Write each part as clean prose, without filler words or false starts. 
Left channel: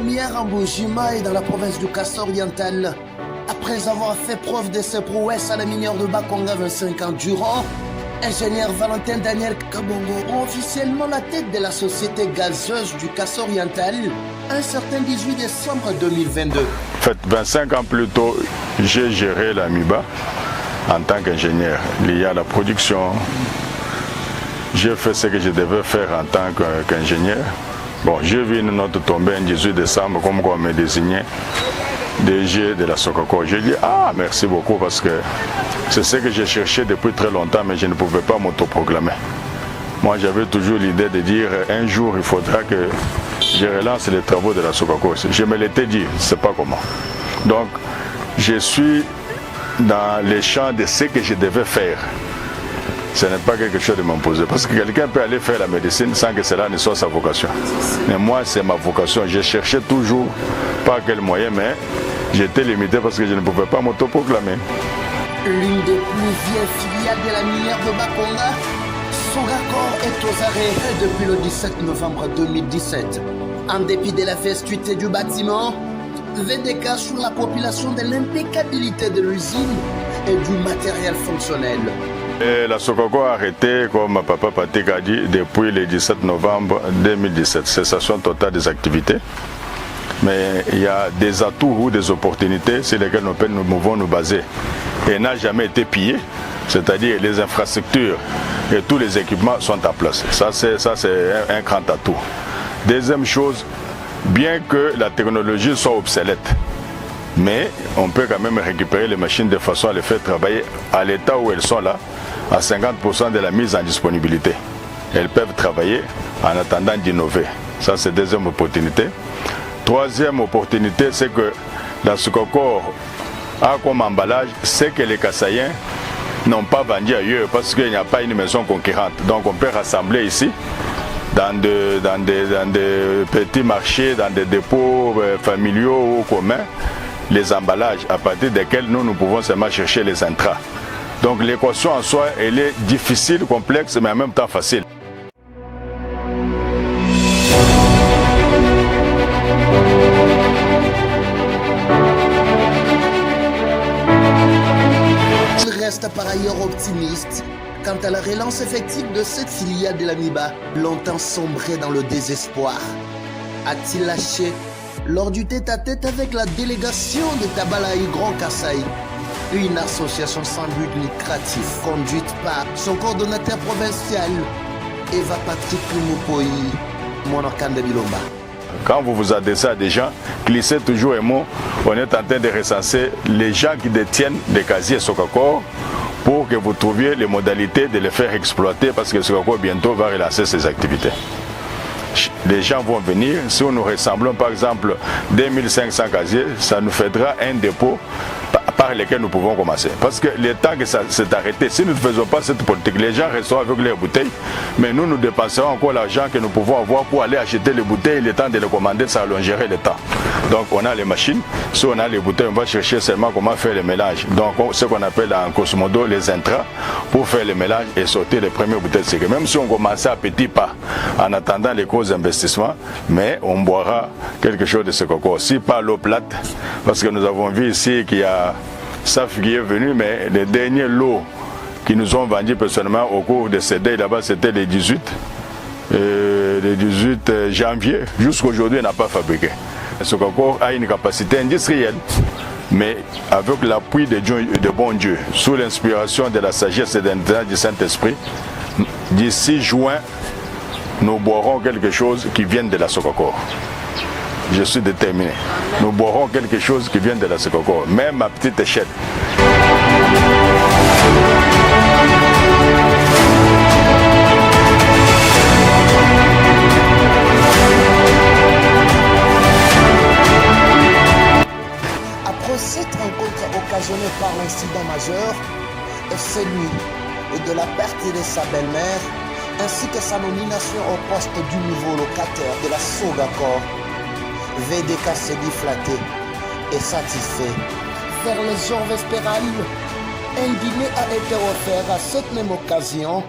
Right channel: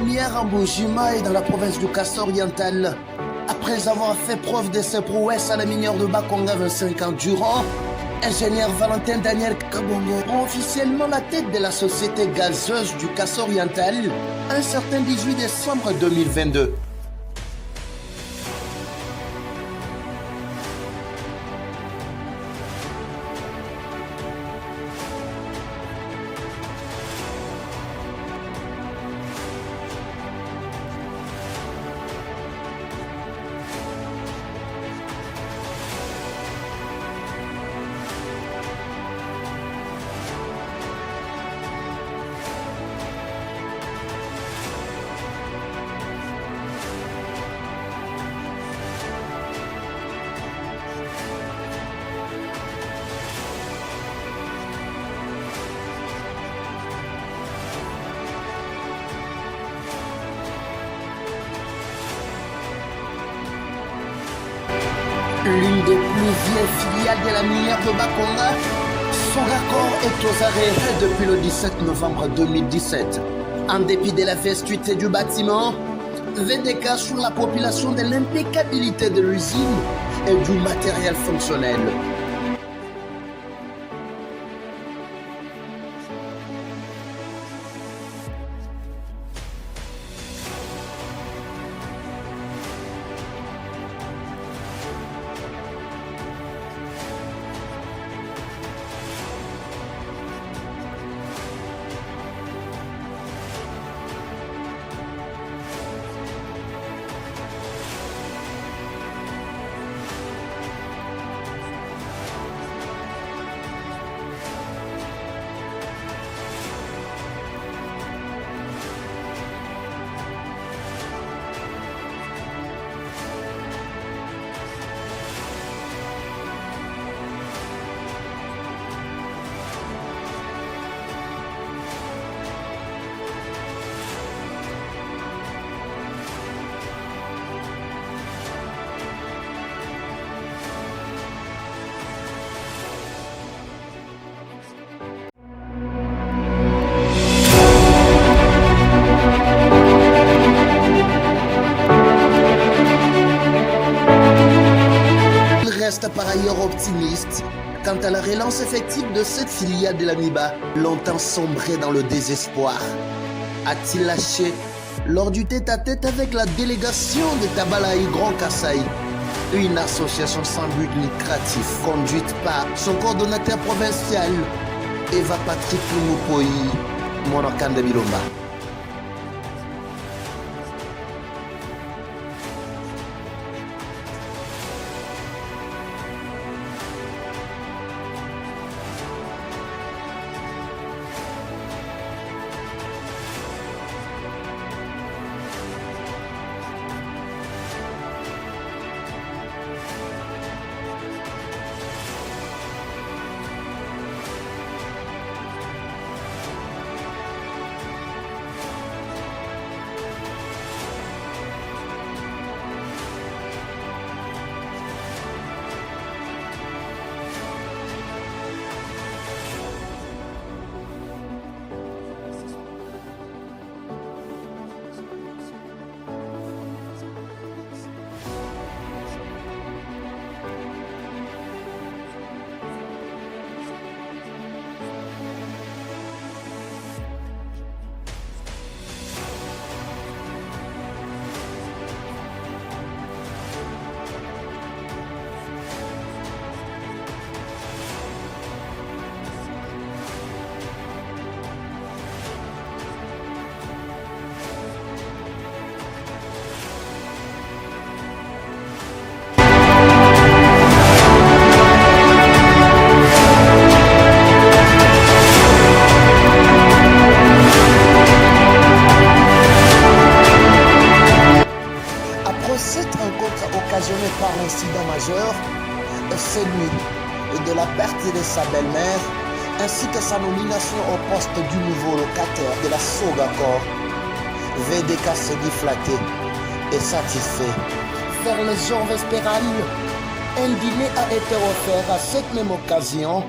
première en Bujima et dans la province du Kasso oriental. Après avoir fait preuve de ses prouesses à la minière de Bakonga 25 ans durant, ingénieur Valentin Daniel Kabongo prend officiellement la tête de la société gazeuse du Kasso oriental un certain 18 décembre 2022. En fait, 25 ans plus tôt, j'ai géré la MIBA en tant qu'ingénieur lié à la production. J'ai fait ce que je devais faire en tant qu'ingénieur. Bon, j'ai vu une note tomber le 18 décembre comme quoi on me désignait DG de la Sokako. J'ai dit, ah, merci beaucoup parce que c'est ce que j'ai cherché depuis très longtemps, mais je ne pouvais pas m'autoproclamer. Moi, j'avais toujours l'idée de dire, un jour, il faudra que je relance les travaux de la Sokako. Je me l'étais dit, c'est pas comment. Donc, je suis dans les champs de ce que je devais faire. Ce n'est pas quelque chose de m'imposer. Parce que quelqu'un peut aller faire la médecine sans que cela ne soit sa vocation. Mais moi, c'est ma vocation. Je cherchais toujours, pas quel moyen, mais j'étais limité parce que je ne pouvais pas m'autoproclamer. L'une des plus vieilles filiales de la minière de Bakonga, Sogakor est aux arrêts depuis le 17 novembre 2017. En dépit de la vestuité du bâtiment, VDK sur la population de l'impeccabilité de l'usine et du matériel fonctionnel. Et la Sokako a arrêté, comme papa Patik a dit, depuis le 17 novembre 2017. Cessation totale des activités. Mais il y a des atouts ou des opportunités sur lesquelles nous pouvons nous baser. Et n'a jamais été pillé, c'est-à-dire les infrastructures et tous les équipements sont en place. Ça, c'est un grand atout. Deuxième chose, bien que la technologie soit obsolète, mais on peut quand même récupérer les machines de façon à les faire travailler à l'état où elles sont là, à 50% de la mise en disponibilité. Elles peuvent travailler en attendant d'innover. Ça, c'est deuxième opportunité. Troisième opportunité, c'est que dans ce Sokako a comme emballage, c'est que les Kassaïens n'ont pas vendu ailleurs parce qu'il n'y a pas une maison concurrente. Donc on peut rassembler ici, dans des petits marchés, dans des dépôts familiaux ou communs, les emballages à partir desquels nous pouvons seulement chercher les intrants. Donc l'équation en soi, elle est difficile, complexe, mais en même temps facile. Il reste par ailleurs optimiste quant à la relance effective de cette filiale de la MIBA, longtemps sombrée dans le désespoir. A-t-il lâché lors du tête-à-tête avec la délégation de Tabalaï Grand Kasaï, une association sans but lucratif conduite par son coordonnateur provincial, Eva Patrick Lumupoi, Monokande Bilomba. Quand vous vous adressez à des gens, glissez toujours un mot. On est en train de recenser les gens qui détiennent des casiers Sokako pour que vous trouviez les modalités de les faire exploiter parce que Sokako bientôt va relancer ses activités. Les gens vont venir, si nous ressemblons par exemple 2500 casiers, ça nous fera un dépôt par lesquels nous pouvons commencer. Parce que le temps que ça s'est arrêté, si nous ne faisons pas cette politique, les gens resteront avec leurs bouteilles, mais nous dépenserons encore l'argent que nous pouvons avoir pour aller acheter les bouteilles, le temps de les commander, ça allongerait le temps. Donc on a les machines, si on a les bouteilles, on va chercher seulement comment faire le mélange. Donc ce qu'on appelle en Cosmodo les intrants, pour faire le mélange et sortir les premières bouteilles de secret. Même si on commençait à petits pas, en attendant les gros investissements, mais on boira quelque chose de ce coco. Si pas l'eau plate, parce que nous avons vu ici qu'il y a SAF qui est venu, mais les derniers lots qui nous ont vendus personnellement au cours de ces days là-bas, c'était les 18 janvier. Jusqu'aujourd'hui, on n'a pas fabriqué. Ce coco a une capacité industrielle, mais avec l'appui de bon Dieu, sous l'inspiration de la sagesse et de l'intérêt du Saint-Esprit, d'ici juin, nous boirons quelque chose qui vient de la Sokako. Je suis déterminé. Nous boirons quelque chose qui vient de la Sokako, même à petite échelle. Après cette rencontre occasionnée par l'incident majeur, celui de la perte de sa belle-mère, ainsi que sa nomination au poste du nouveau locataire de la Sogako, VDK s'est dit flatté et satisfait. Vers les heures vespérales, un dîner a été offert à cette même occasion.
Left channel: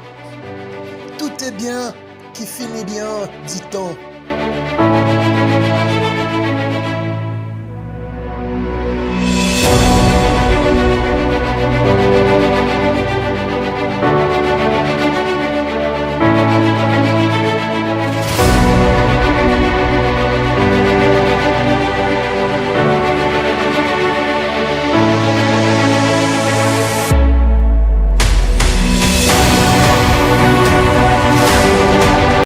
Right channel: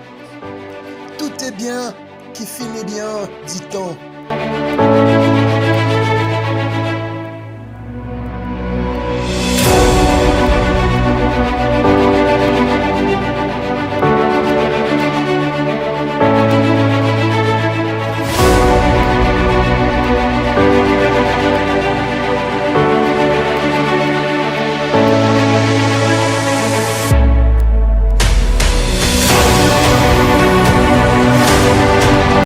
Tout est bien qui finit bien, dit-on.